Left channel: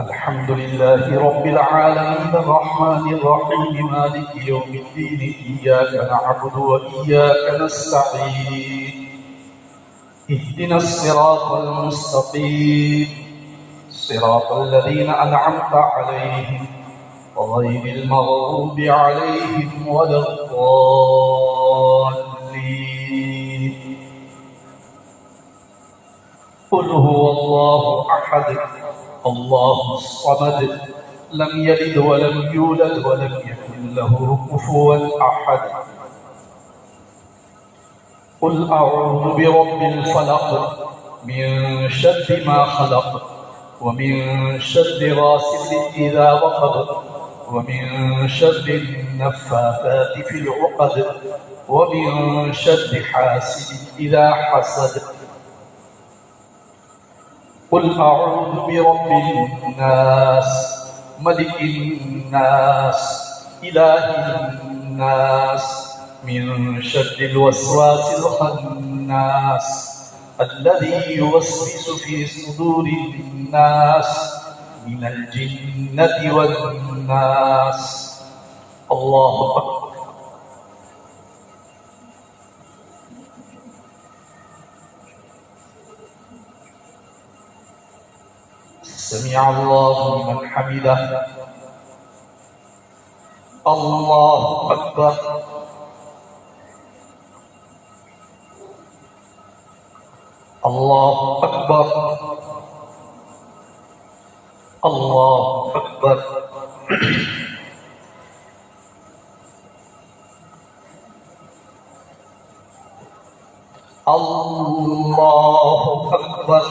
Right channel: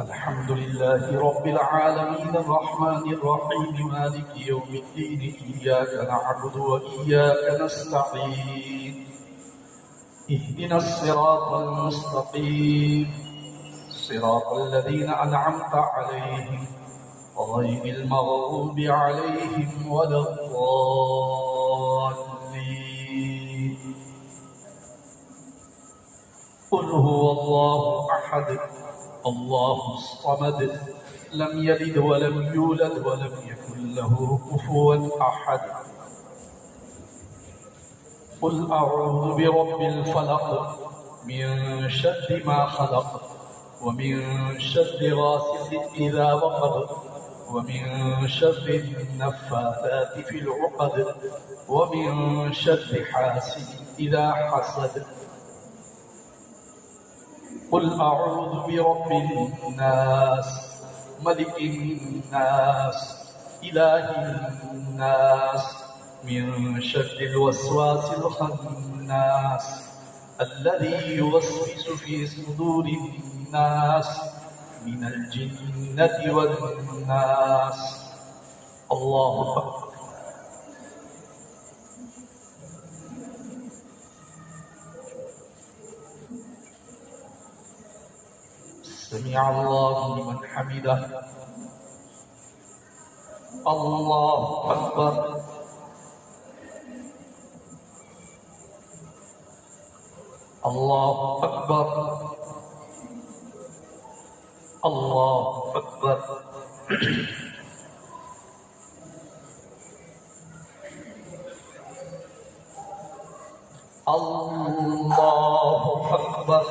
الحمد لله رب العالمين الرحمن الرحيم مالك يوم الدين إياك نعبد وإياك نستعين اهدنا الصراط المستقيم صراط الذين أنعمت عليهم غير المغضوب عليهم ولا الضالين. قل هو الله أحد الله الصمد لم يلد ولم يولد ولم يكن له كفوا أحد. قل أعوذ برب الفلق من شر ما خلق ومن شر غاسق إذا وقب ومن شر النفاثات في العقد ومن شر حاسد إذا حسد. قل أعوذ برب الناس ملك الناس إله الناس من شر الوسواس الخناس الذي يوسوس في صدور الناس من الجنة والناس. الله أكبر. سمع الله لمن حمده. الله أكبر. الله أكبر. الله أكبر. الله أكبر.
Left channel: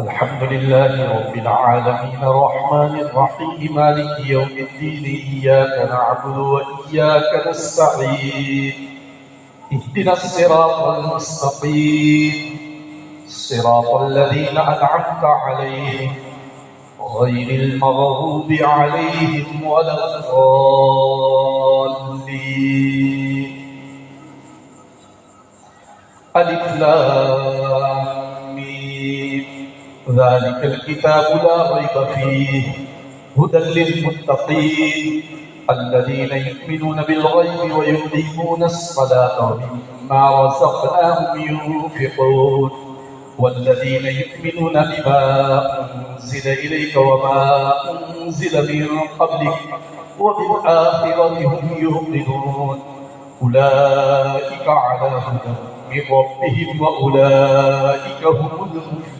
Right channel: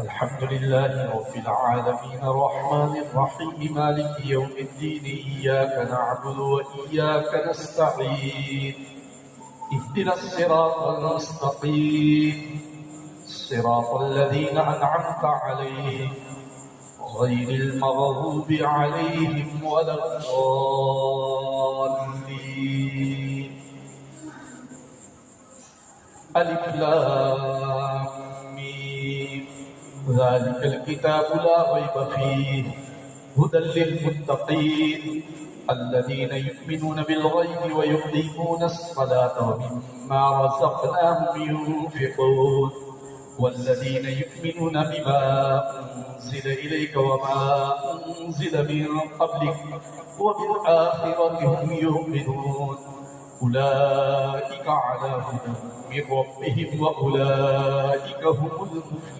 الحمد لله رب العالمين الرحمن الرحيم مالك يوم الدين إياك نعبد وإياك نستعين اهدنا الصراط المستقيم صراط الذين أنعمت عليهم غير المغضوب عليهم ولا الضالين. ألف لام ميم ذلك الكتاب لا ريب فيه هدى للمتقين الذين يؤمنون بالغيب ويقيمون الصلاة ومما رزقناهم ينفقون والذين يؤمنون بما أنزل إليك وما أنزل من قبلك وبالآخرة هم يوقنون أولئك على هدى من ربهم وأولئك هم المفلحون.